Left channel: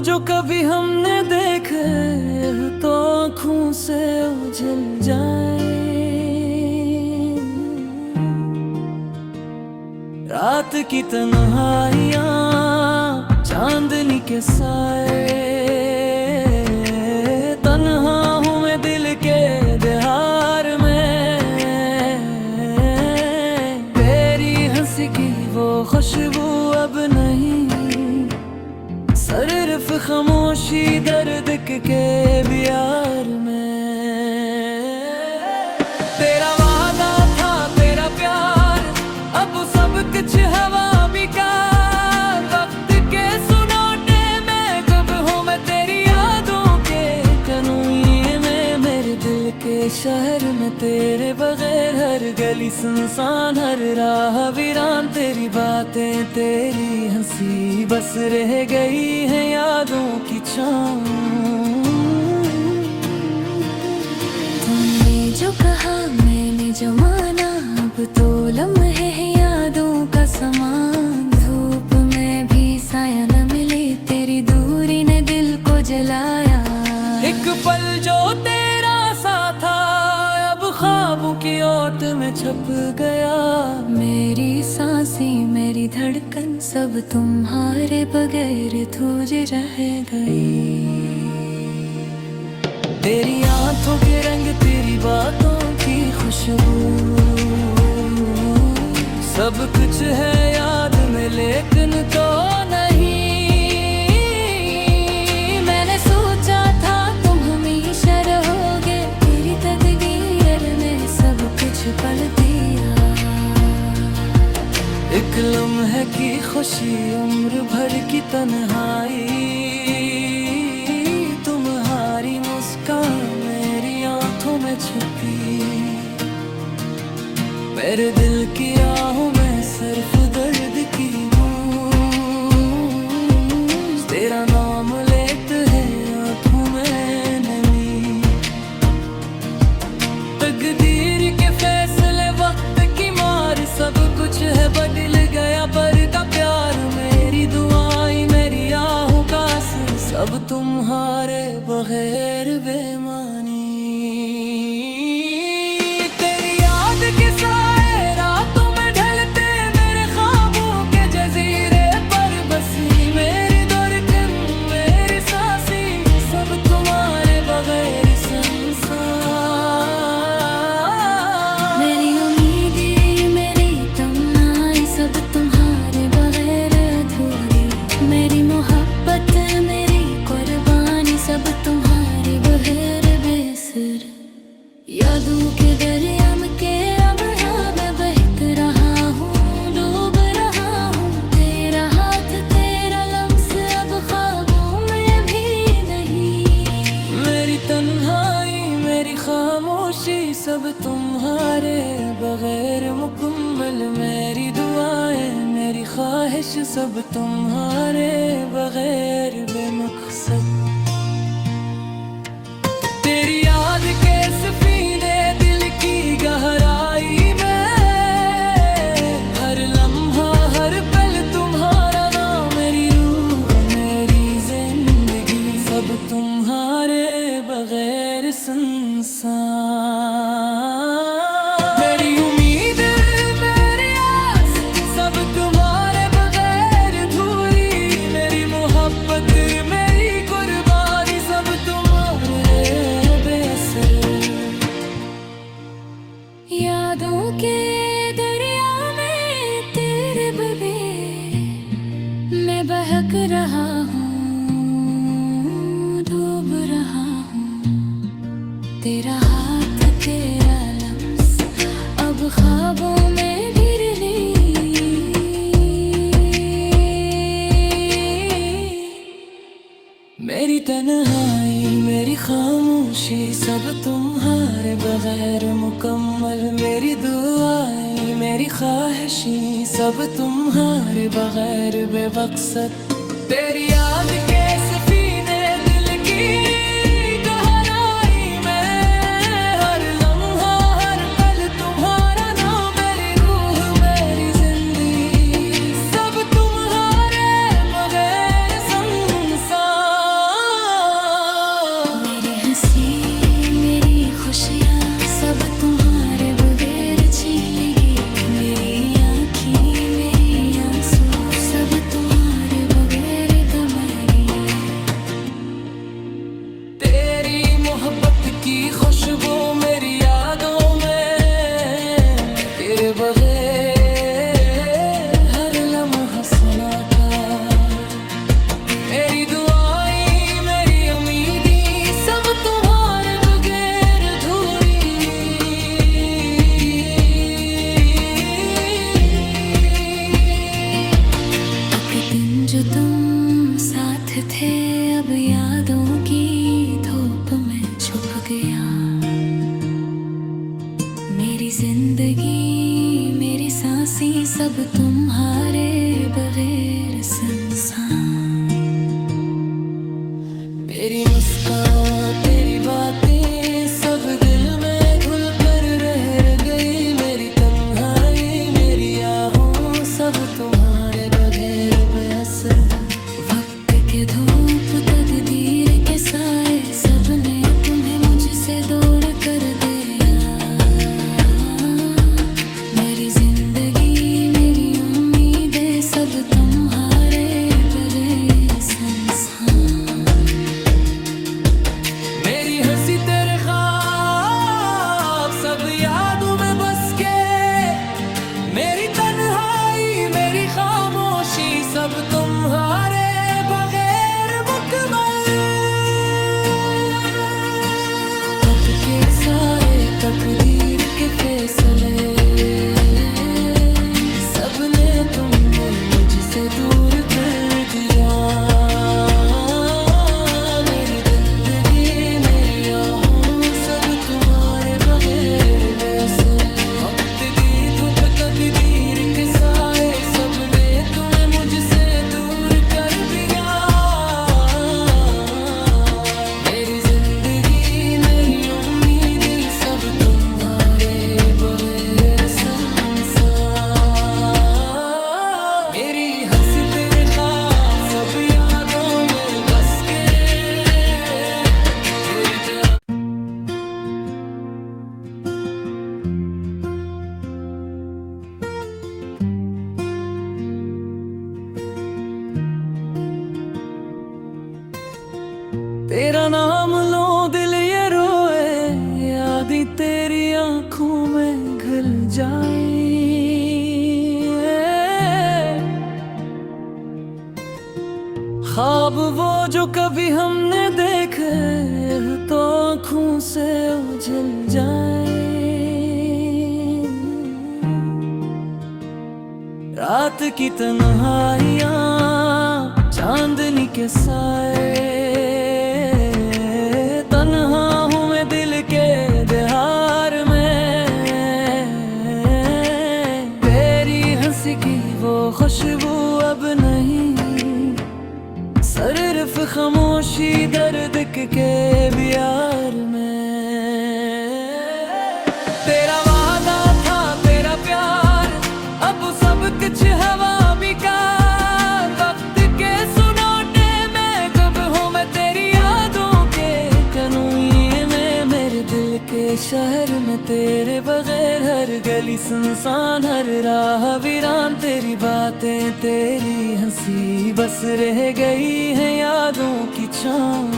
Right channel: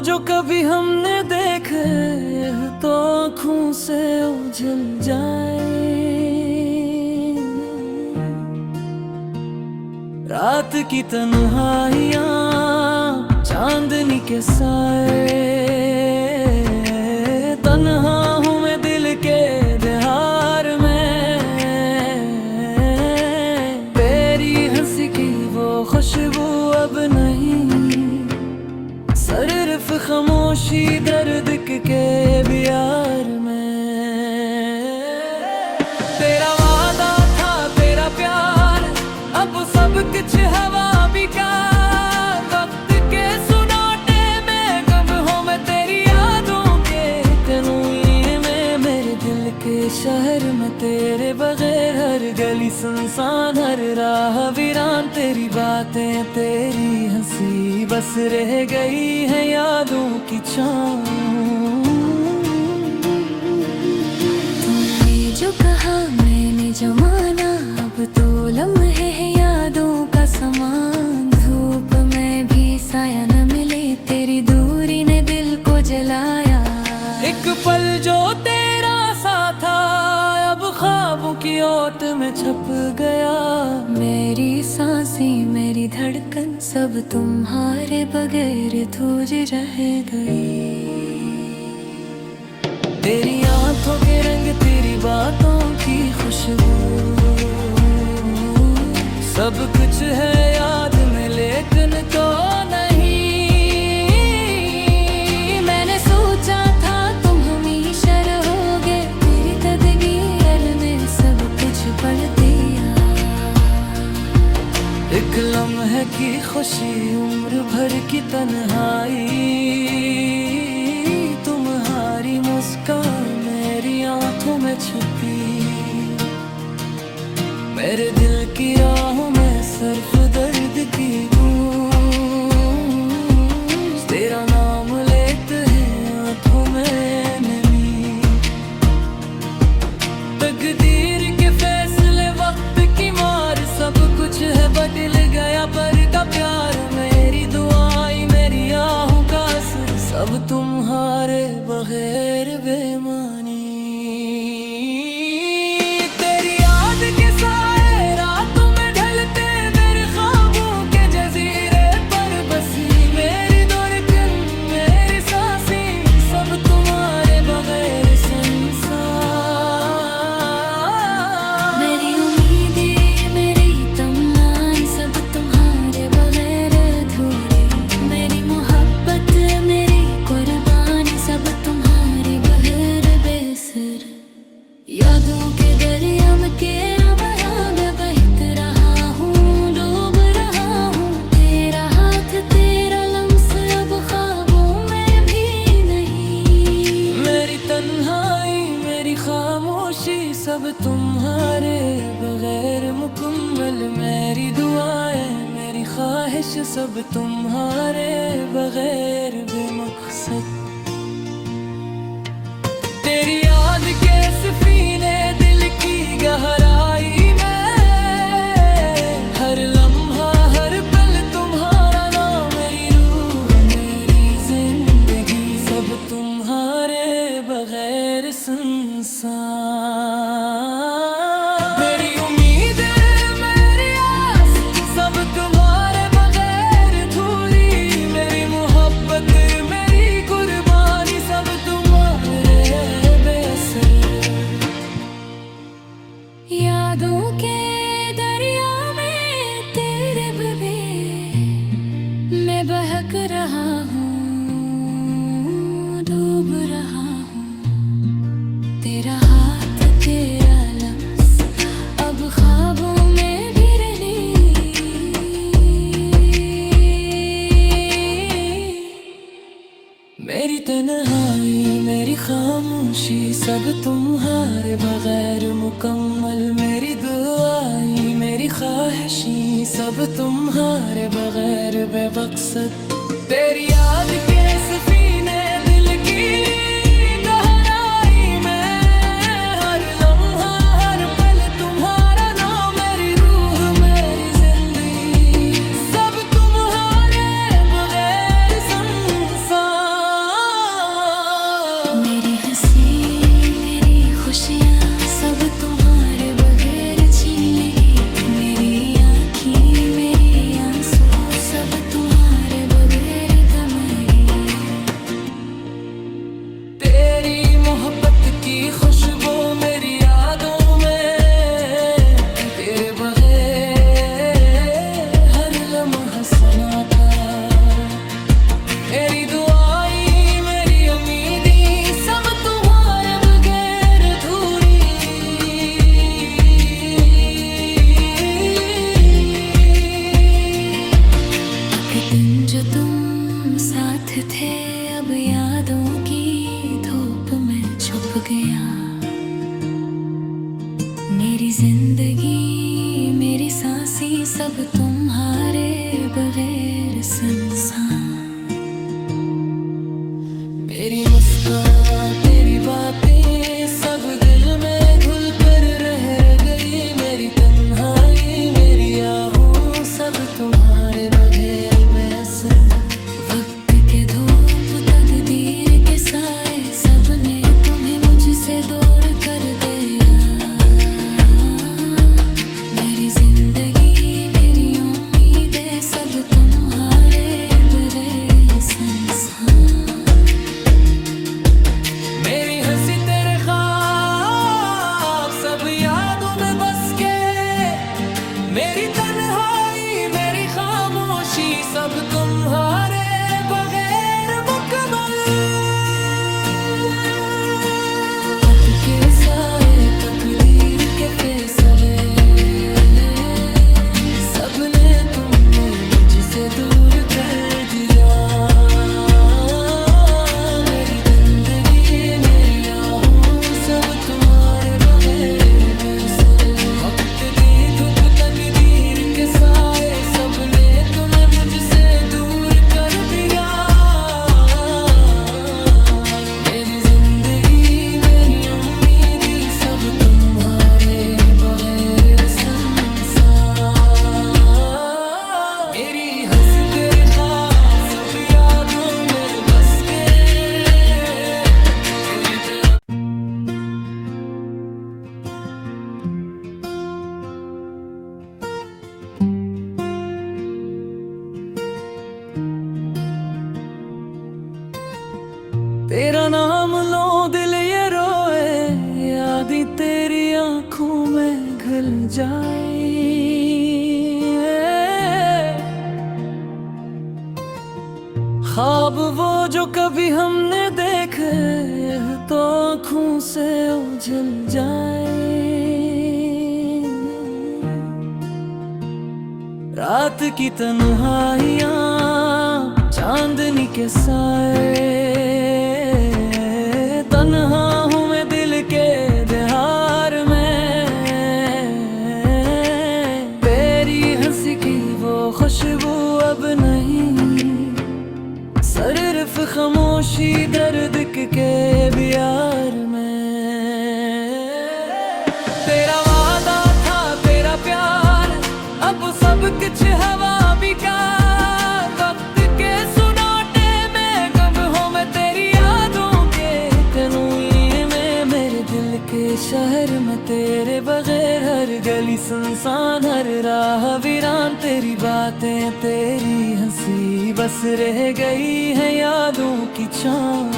जो कभी हमने देखे तो आँखों से उजल जाए। रात की तन्हाइयाँ चांदनी के साए, तन्हा हूँ मैं दिल के देहार में। तेरी हंसी की वो खुशबू अब नहीं, सिर्फ खामोशी दर्द के बियार में। तेरा वादा था तेरा प्यार, अब सब कुछ हवा बेकार। वक्त के सुनाटे में कब हूँ मैं तेरी यादों के कनुए में। मेरे दिल के शहर में तेरे बगैर हर गली सुनसान, हर राह वीरान। तेरी बातें तेरी हंसी बस रह गई है यादों की छाँव। तुमने जो कहा मैंने जो माना, अब तो लम्हे हैं यादों का समान। धूप में भी साया न मिले, तेरी दूरी ने दिल को जलाया। एक पल जो तेरा सा था अब ख्वाबों की ओट में छप गया। मेरी सांसें मेरी धड़कन सब तुम्हारे बगैर अधूरी रह गई। तेरी आंखों के रंग तेरी बातों की खुशबू, सब कुछ है याद में लेकिन तो नहीं। मैंने सोचा था तुम हमेशा रहोगे, तेरी तकदीर ने सब कुछ पल दिया। एक लम्हे की खुशी उम्र भर की तन्हाई, तुम्हारी मुस्कान मेरी आंखों में छुपी। मेरे दिल की राहों में सिर्फ दर्द की गूंज, तेरा नाम लेते हैं आंखों में नमी। तकदीर के फैसले वक्त की मार, सब कुछ है बदल गया पर का प्यार। मेरी दुआएं मेरी आहों का असर, सब तुम्हारे बगैर बेमानी। तेरी याद के साए रातों में ढलते मेरे ख्वाबों के जजीरे पर बसी। मेरी धड़कन मेरी सांसें सब तुम्हारे बगैर संसार। मेरी उम्मीदें मेरी तमन्नाएं सब तुम्हारे बगैर अधूरी। मेरी मोहब्बत मेरी कुर्बानी सब तुम्हारे बगैर बेअसर। यादों के दरिया में केरा बहा मैं बहक रहा हूँ, डूब रहा हूँ। तेरा हाथ तेरा लम्स अब ख्वाबों में भी नहीं। मेरी तन्हाई मेरी खामोशी सब तुम्हारे बगैर मुकम्मल। मेरी दुआएं मेरी ख्वाहिश सब तुम्हारे बगैर बेमकसद। तेरी याद के सफीने दिल की गहराई में, हर लम्हा हर पल तुम्हारा नाम। मेरी रूह मेरी जिंदगी सब तुम्हारे बगैर सुनसान। मेरी उम्मीद मेरी आस सब तुम्हारे बगैर अधूरी। मेरी मोहब्बत मेरी कुर्बानी सब तुम्हारे बेअसर। यादों के दरिया में तेरे बगैर मैं बहक रहा हूँ, डूब रहा हूँ। तेरा हाथ तेरा लम्स अब ख्वाबों में भी नहीं। मेरी तन्हाई मेरी खामोशी सब तुम्हारे बगैर मुकम्मल। मेरी दुआएं मेरी ख्वाहिशें सब तुम्हारे बगैर बेमकसद। तेरी याद के सफीने दिल की गहराई में, हर लम्हा हर पल तुम्हारा नाम। मेरी रूह मेरी जिंदगी सब तुम्हारे बगैर संसार। की खुशबू मेरी यादों में, तेरे बगैर हर लम्हा सन्नाटा। मेरी दुआएं मेरी उम्मीदी सब तुम्हारे बगैर अधूरी। एक दिन जो तुम साथ थे अब यादों की धूप में छुप गया। मेरी जिंदगी मेरी सांसें सब तुम्हारे बगैर सुनसान। मेरी मुस्कान तेरी बातें सब दिल में घुल कर रह गई। मेरी तन्हाई मेरी आहूं सब तुम्हारे बगैर बेअसर। वक्त के धूप तकदीर के साए सबने तुम्हें मुझसे दूर कर दिया। मेरी जिंदगी मेरी उम्मीदें सब तुम्हारे बगैर सुनसान। मेरी हंसी तेरे ख्वाब सब यादों में बस के। मेरी तन्हाई मेरी खामोशी सब तुम्हारे बगैर मुकम्मल। रात के साए तकदीर के फैसले सबने तुमने मुझसे दूर कर दिया। मेरी जिंदगी मेरी आहूं सब तुम्हारे बगैर वैसे। वक्त की धूप तकदीर के साए सबने तुम्हें मुझसे दूर कर दिया। मेरी जिंदगी मेरी उम्मीदें सब तुम्हारे बगैर सुनसान। मेरी हंसी तेरे ख्वाब सब यादों में बस के। मेरी तरह तेरा नाम लो दिल ये रोए, यादी तेरी आंखों में घुल जाए। ख्वाब वो जो कभी हमने देखे तो आंखों से उजल जाए। रात की तन्हाइयाँ चांदनी के साए। तन्हा हूँ मैं दिल के दहार में। तेरी हंसी की वो खुशबू अब नहीं। सिर्फ खामोशी दर्द के बियार में। तेरा वादा था तेरा प्यार अब सब कुछ हवा बेकार। वक्त के सुनाटे में कब हूँ मैं तेरी यादों के कनूए में। मेरे दिल के शहर में तेरे बगैर हर गली सुनसान, हर राह वीरान। तेरी बातें तेरी हंसी बस रह गई है यादों की छाँव।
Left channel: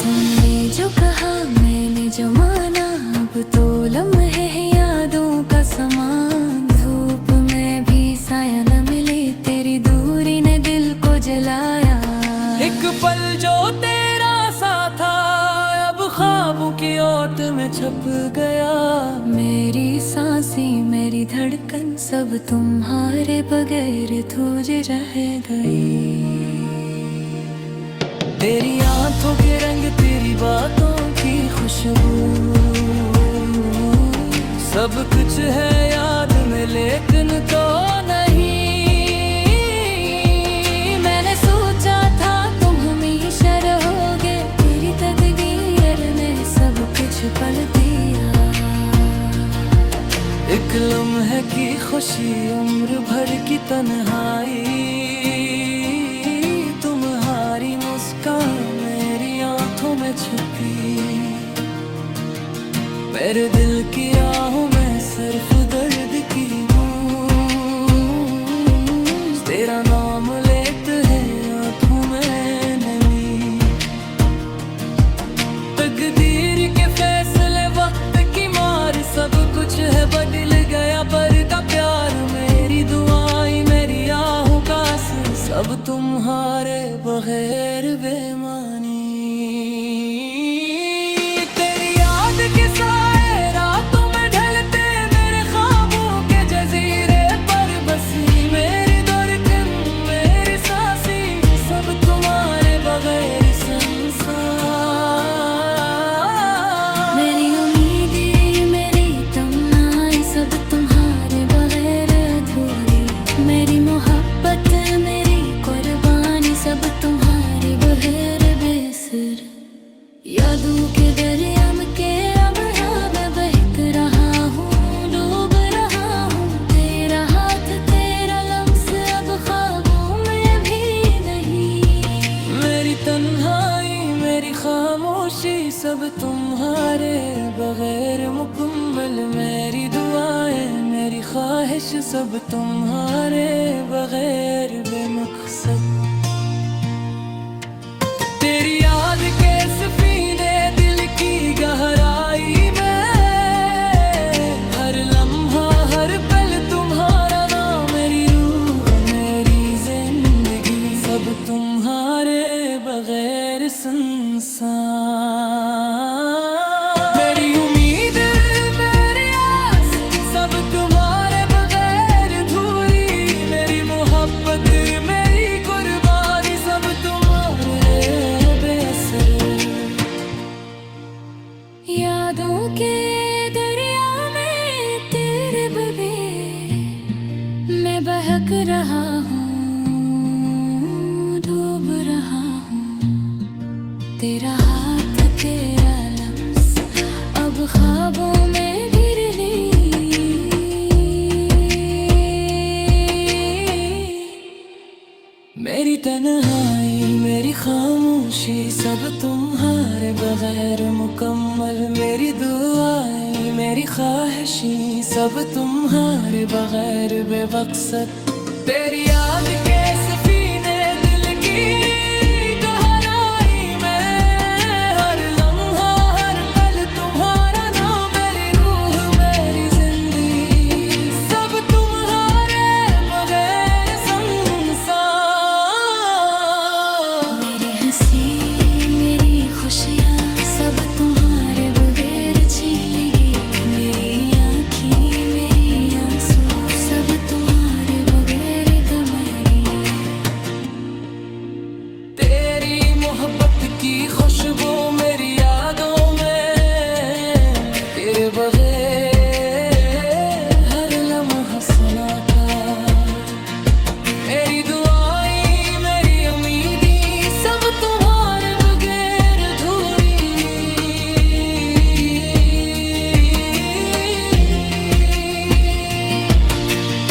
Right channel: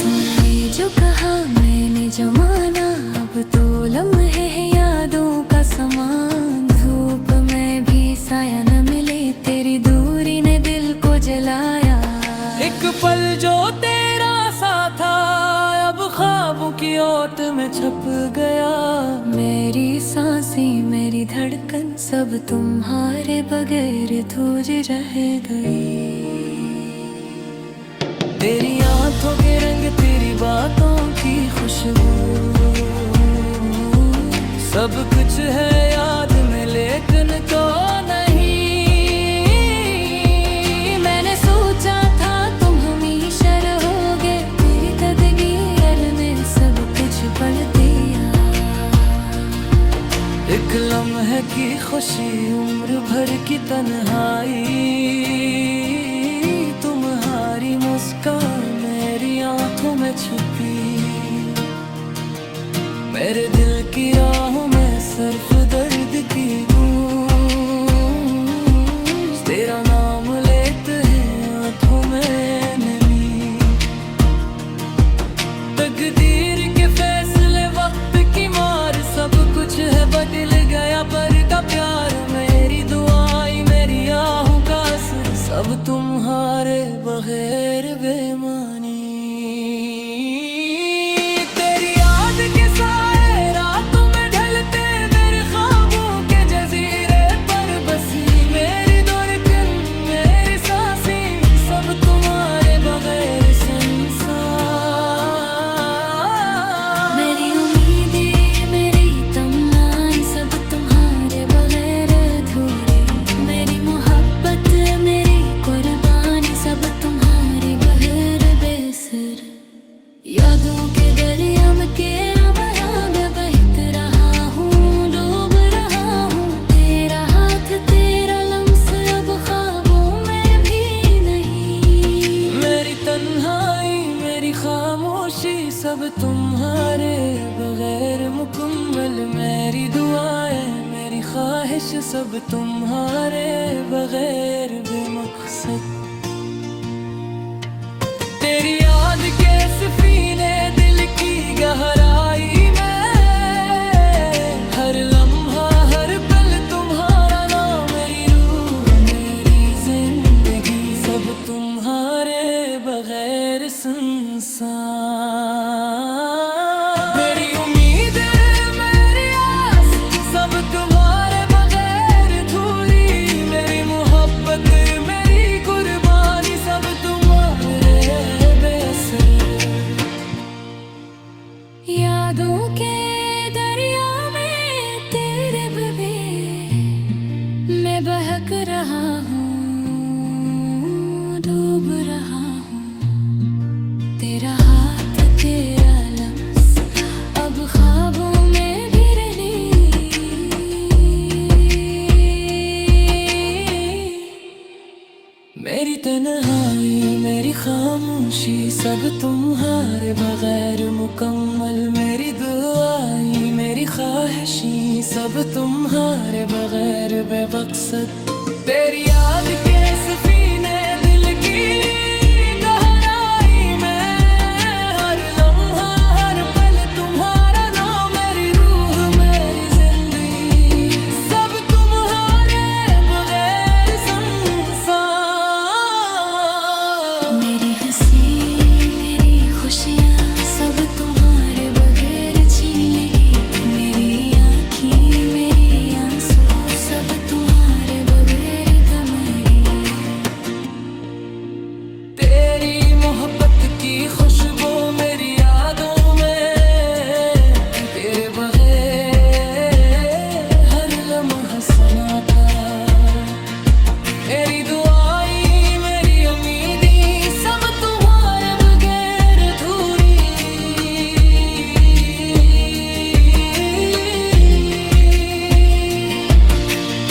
तुमने जो कहा मैंने जो माना अब तो लम्हे हैं यादों का समान। धूप में भी साया न मिले तेरी दूरी ने दिल को जलाया। एक पल जो तेरा सा था अब ख्वाबों की ओट में छप गया। मेरी सांसें मेरी धड़कन सब तुम्हारे बगैर अधूर रह गई। तेरी आंखों के रंग तेरी बातों की खुशबू सब कुछ है याद में लेकिन तो नहीं। मैंने सोचा था तुम हमेशा रहोगे, तेरी तकदीर ने सब कुछ पल दिया। एक लम्हे की खुशी उम्र भर की तन्हाई। तुम्हारी मुस्कान मेरी आंखों में छुपी। मेरे दिल की राहों में सिर्फ दर्द की गूंज। तेरा नाम लेते हैं आंखों में नमी। सब तुम्हारे बगैर बेमानी। तेरी याद के साए रातों में ढलते मेरे ख्वाबों के जजीरे पर बसी मेरी धड़कन मेरी सांसें सब तुम्हारे बगैर संसार। मेरी उम्मीदें मेरी तमन्नाएं सब तुम्हारे बगैर अधूरी, मेरी मोहब्बत मेरी कुर्बानी सब तुम्हारे बगैर बेसर। यादों के दरिया में के अब मैं बहक रहा हूँ, डूब रहा हूँ। तेरा हाथ तेरा लम्स अब ख्वाबों में भी नहीं। मेरी तन्हाई मेरी खामोशी सब तुम्हारे बगैर मुकम्मल। मेरी दुआएं मेरी ख्वाहिश सब तुम्हारे बगैर बेमकसद। तेरी याद के सफीने दिल की गहराई में, हर लम्हा हर पल तुम्हारा नाम। मेरी रूह मेरी जिंदगी सब तुम्हारे बगैर संसार। मेरी उम्मीद मेरी आस सब तुम्हारे बगैर अधूरी, मेरी मोहब्बत मेरी कुर्बानी सब तुम्हारे बेअसर। यादों के दरिया में तेरे बगैर मैं बहक रहा हूँ, डूब रहा हूँ। तेरा हाथ तेरा लम्स अब ख्वाबों में भी नहीं। मेरी तन्हाई मेरी खामोशी सब तुम्हारे बगैर मुकम्मल। मेरी दुआएं मेरी ख्वाहिशें सब तुम्हारे बगैर बेमकसद। तेरी याद के सफीने दिल की गहराई में, हर लम्हा हर पल तुम्हारा नाम। मेरी रूह मेरी जिंदगी सब तुम्हारे बगैर संसार। मेरी हंसी मेरी खुशियाँ सब तुम्हारे बगैर छीन लेगी। मेरी आँखें मेरी आंसू सब तुम्हारे बगैर दमेगी। तेरी मोहब्बत की खुशबू मेरी यादों में, तेरे बगैर हर लम्हा सन्नाटा। मेरी दुआएं मेरी उम्मीदें सब तुम्हारे बगैर अधूरी।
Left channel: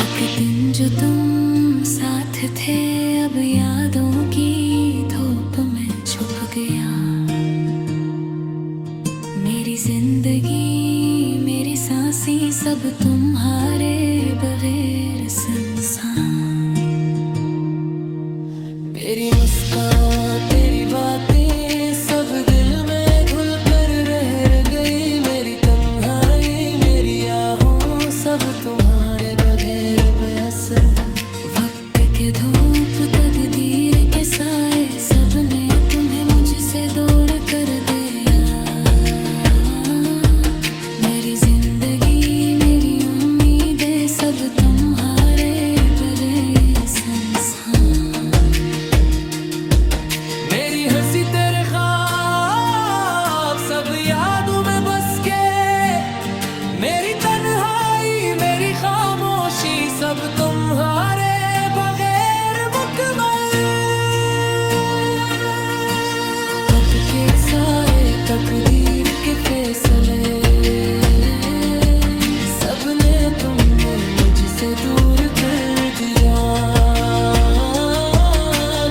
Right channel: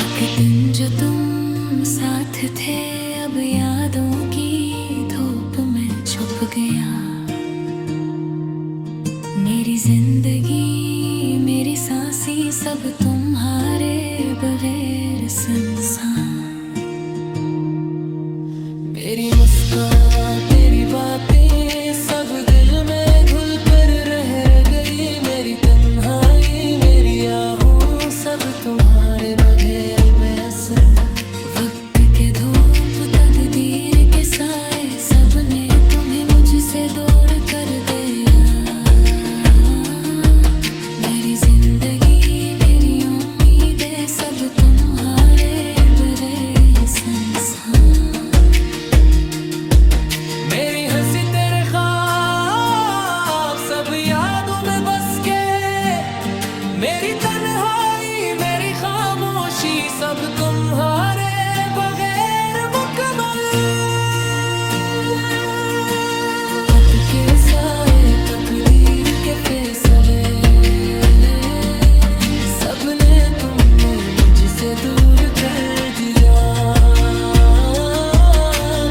एक दिन जो तुम साथ थे अब यादों की धूप में छुप गया। मेरी जिंदगी मेरी सांसें सब तुम्हारे बगैर संसार। मेरी मुस्कान तेरी बातें सब दिल में घुल कर रह गई। मेरी तन्हाई मेरी आहूं सब तुम्हारे बगैर बेअसर। वक्त के धूप तकदीर के साए सबने तुम्हें मुझसे दूर कर दिया। मेरी जिंदगी मेरी उम्मीदें सब तुम्हारे बगैर संसार। मेरी हंसी तेरे ख्वाब सब यादों में बस के। मेरी तन्हाई मेरी खामोशी सब तुम्हारे बगैर मुकम्मल। खत के साए तकदीर के फैसले सबने तुमने मुझसे दूर कर दिया।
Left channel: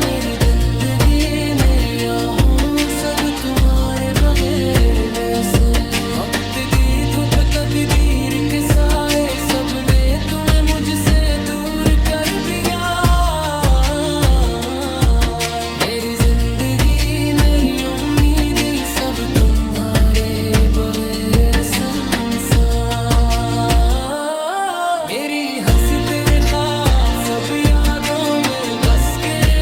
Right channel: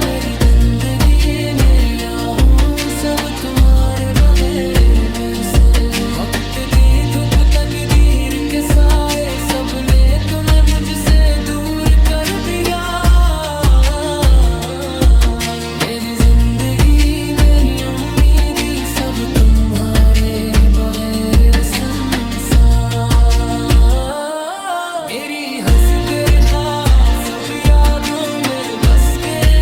मेरी जिंदगी मेरी आहूं सब तुम्हारे बगैर वैसे। वक्त की धूप तकदीर के साए सबने तुम्हें मुझसे दूर कर दिया। मेरी जिंदगी मेरी उम्मीदें सब तुम्हारे बगैर संसार। मेरी हंसी तेरे ख्वाब सब यादों में बस गए।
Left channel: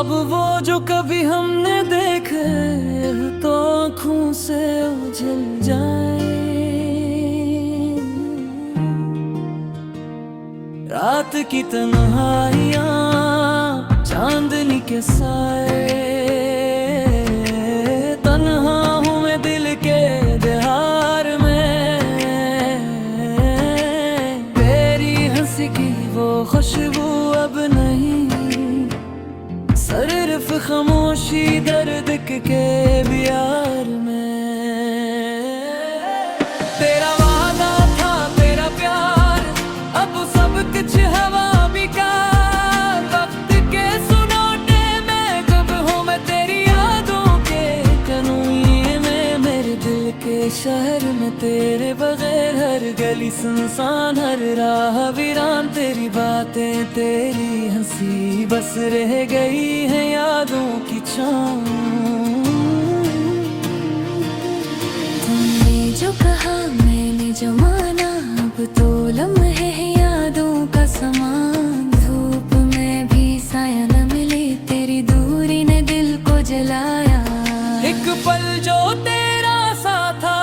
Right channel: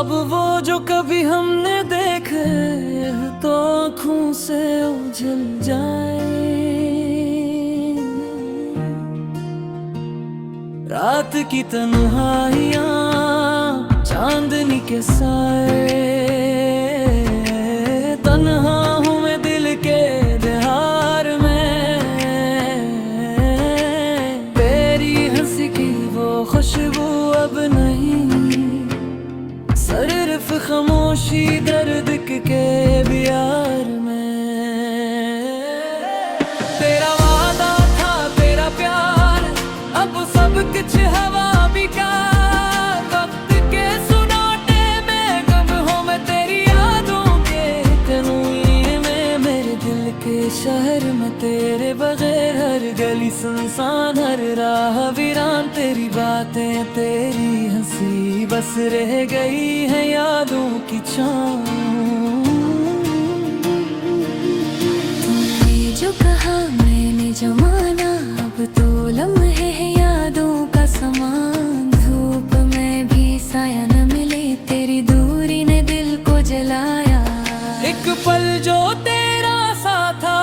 ख्वाब वो जो कभी हमने देखे तो आँखों से उजल जाए। रात की तन्हाइयाँ चांदनी के साए, तन्हा हूँ मैं दिल के दहार में। तेरी हंसी की वो खुशबू अब नहीं, सिर्फ खामोशी दर्द के बियार में। तेरा वादा था तेरा प्यार, अब सब कुछ हवा बेकार। वक्त के सुनाटे में कब हूँ मैं तेरी यादों के कनूए में। मेरे दिल के शहर में तेरे बगैर हर गली सुनसान, हर राह वीरान। तेरी बातें तेरी हंसी बस रह गई है यादों की छाँव। तुमने जो कहा मैंने जो माना, अब तो लम्हे हैं यादों का समान। धूप में भी साया न मिले, तेरी दूरी ने दिल को जलाया। एक पल जो तेरा सा था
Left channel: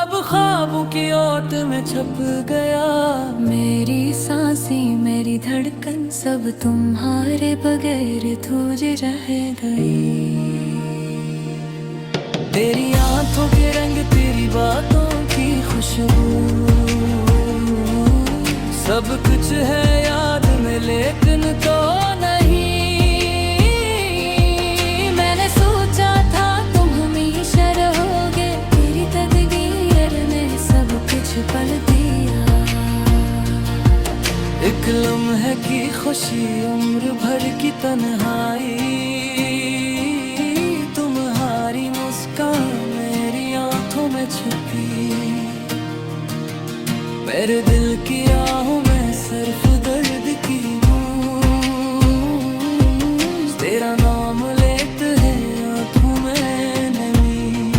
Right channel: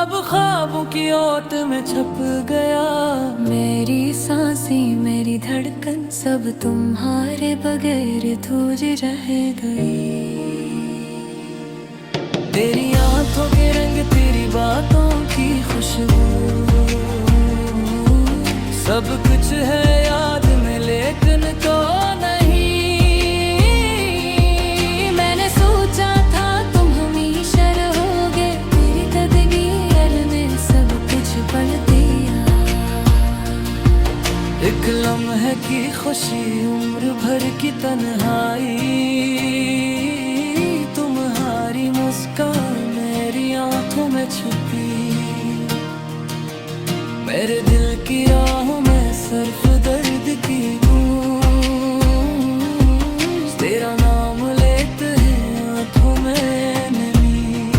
अब ख्वाबों की ओट में छप गया। मेरी सांसें मेरी धड़कन सब तुम्हारे बगैर धूज रह गई। तेरी आंखों के रंग तेरी बातों की खुशबू, सब कुछ है याद में लेकिन तो नहीं। मैंने सोचा था तुम हमेशा रहोगे, तेरी तकदीर ने सब कुछ पल दिया। एक लम्हे की खुशी उम्र भर की तन्हाई, तुम्हारी मुस्कान मेरी आंखों में छुपी। मेरे दिल की राहों में सिर्फ दर्द की गूंज, तेरा नाम लेते हैं आंखों में नमी।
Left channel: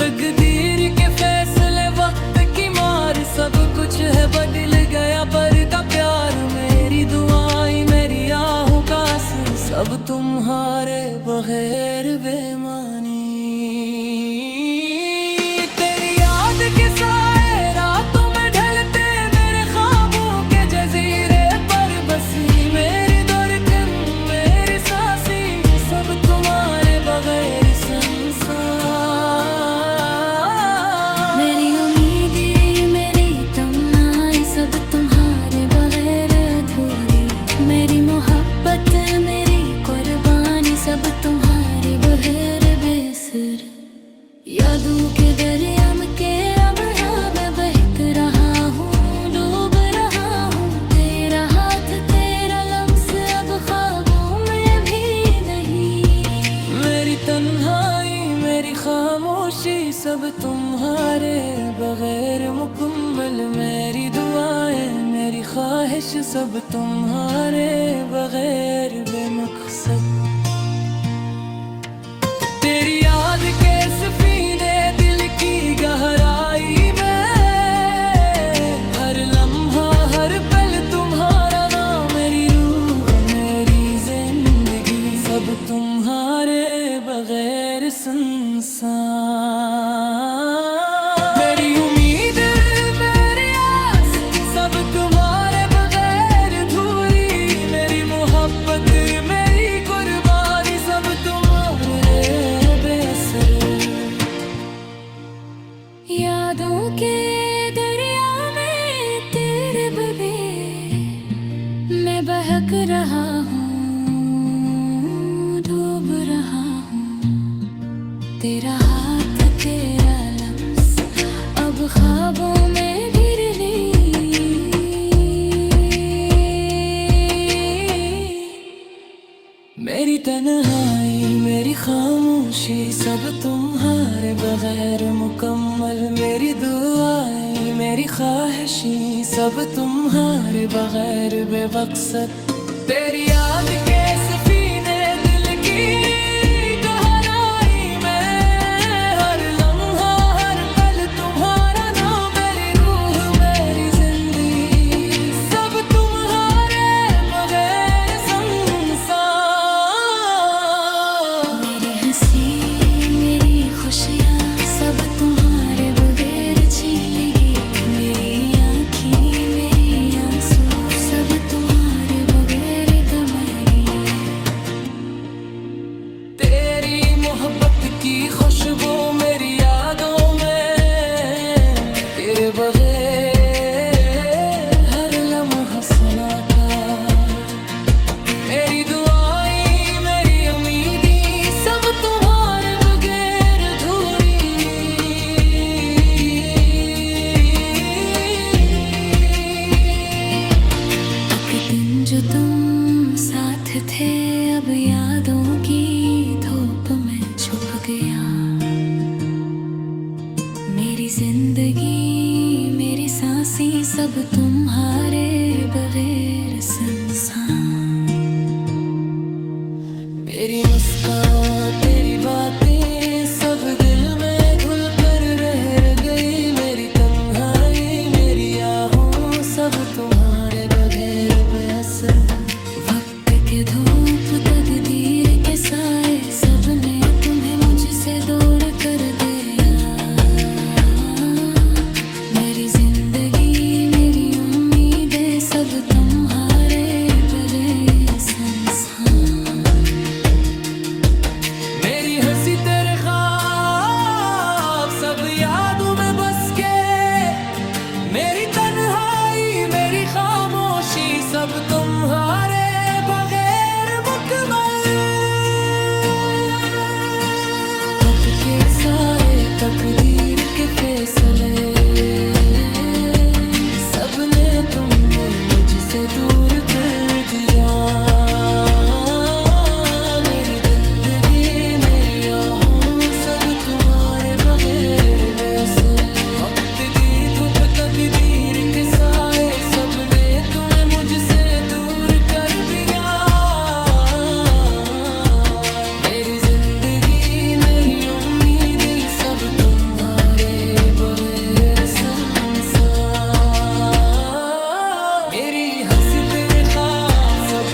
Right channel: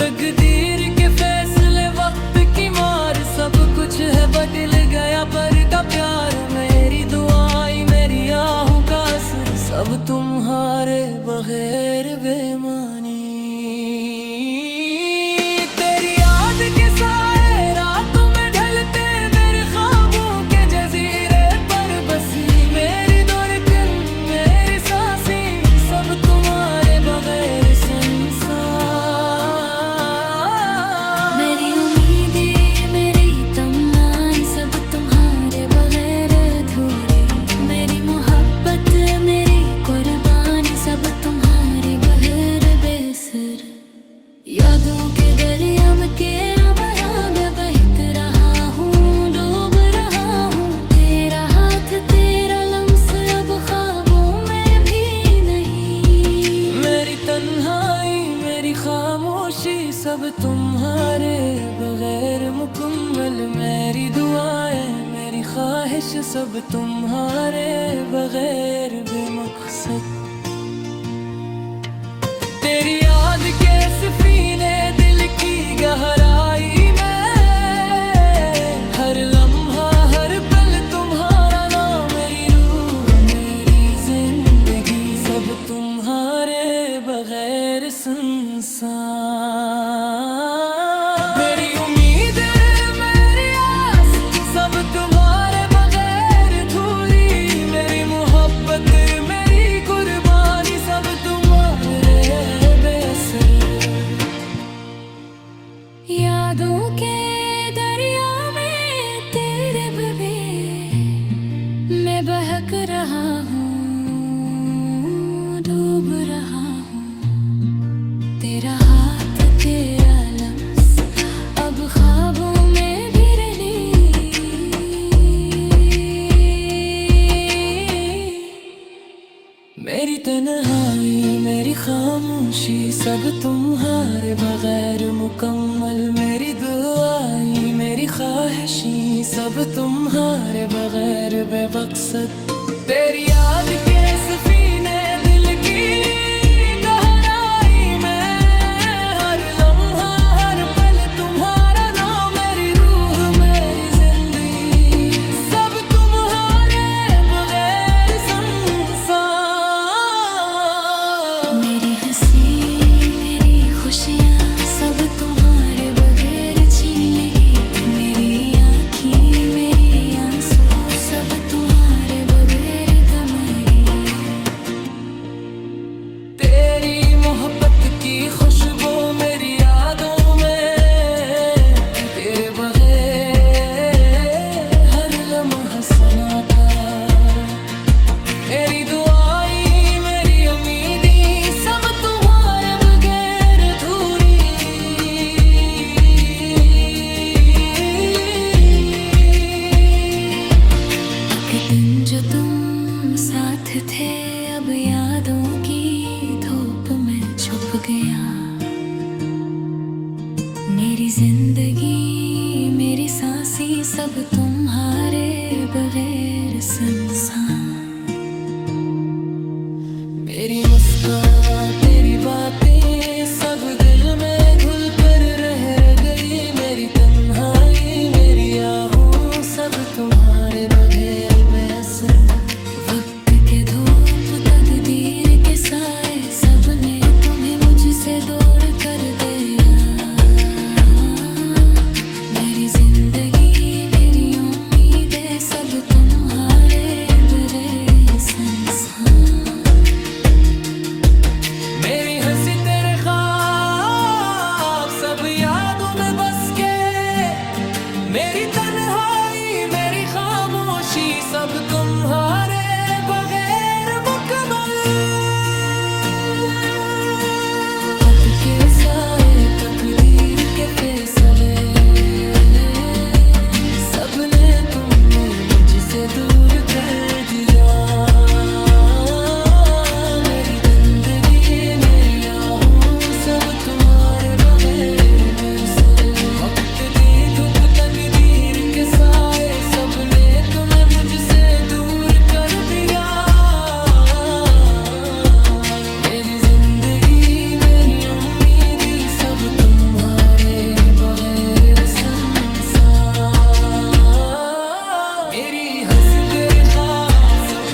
तकदीर के फैसले वक्त की मार, सब कुछ है बदल गया पर का प्यार। मेरी दुआएं मेरी आहों का असर, सब तुम्हारे बगैर बेमानी। तेरी याद के साए रातों में ढलते मेरे ख्वाबों के जजीरे पर बसी। मेरी धड़कन मेरी सांसें सब तुम्हारे बगैर संसार। मेरी उम्मीदें मेरी तमन्नाएं सब तुम्हारे बगैर अधूरी। मेरी मोहब्बत मेरी कुर्बानी सब तुम्हारे बगैर बेसर। यादों के दरिया में के अब यहाँ मैं बहक रहा हूँ, डूब रहा हूँ। तेरा हाथ तेरा लम्स अब ख्वाबों में भी नहीं। मेरी तन्हाई मेरी खामोशी सब तुम्हारे बगैर मुकम्मल। मेरी दुआएं मेरी ख्वाहिश सब तुम्हारे बगैर बेमकसद। तेरी याद के सफीने दिल की गहराई में, हर लम्हा हर पल तुम्हारा नाम। मेरी रूह मेरी जिंदगी सब तुम्हारे बगैर सुनसान। मेरी उम्मीद मेरी आस सब तुम्हारे बगैर अधूरी। मेरी मोहब्बत मेरी कुर्बानी सब तुम्हारे बेअसर। यादों के दरिया में तेरे बगैर मैं बहक रहा हूँ, डूब रहा हूँ। तेरा हाथ तेरा लम्स अब ख्वाबों में भी नहीं। मेरी तन्हाई मेरी खामोशी सब तुम्हारे बगैर मुकम्मल। मेरी दुआएं मेरी ख्वाहिशें सब तुम्हारे बगैर बेमकसद। तेरी याद के सफीने दिल की गहराई में, हर लम्हा हर पल तुम्हारा नाम। मेरी रूह मेरी जिंदगी सब तुम्हारे बगैर संसार। खुशियाँ सब तुम्हारे बगैर छीन लेगी। मेरी आँखें मेरी आंसू सब तुम्हारे बगैर दमेगी। तेरी मोहब्बत की खुशबू मेरी यादों में, तेरे बगैर हर लम्हा सन्नाटा। मेरी दुआएं मेरी उम्मीदें सब तुम्हारे बगैर अधूरी। एक दिन जो तुम साथ थे अब यादों की धूप में छुप गया। मेरी जिंदगी मेरी सांसें सब तुम्हारे बगैर सुनसान। मेरी मुस्कान तेरी बातें सब दिल में घुल कर रह गई। मेरी तन्हाई मेरी आहूं सब तुम्हारे बगैर बेअसर। वक्त के धूप तकदीर के साए सबने तुम्हें मुझसे दूर कर दिया। मेरी जिंदगी मेरी उम्मीदें सब तुम्हारे बगैर सुनसान। मेरी हंसी तेरे ख्वाब सब यादों में बस के। मेरी तन्हाई मेरी खामोशी सब तुम्हारे बगैर मुकम्मल। खत के साए तकदीर के फैसले सबने तुमने मुझसे दूर कर दिया। मेरी जिंदगी मेरी आहूं सब तुम्हारे बगैर वैसे। वक्त दी धूप तकदीर के साए सबने तुम्हें मुझसे दूर कर दिया। मेरी जिंदगी मेरी उम्मीदें सब तुम्हारे बगैर सुनसान। मेरी हंसी तेरे ख्वाब सब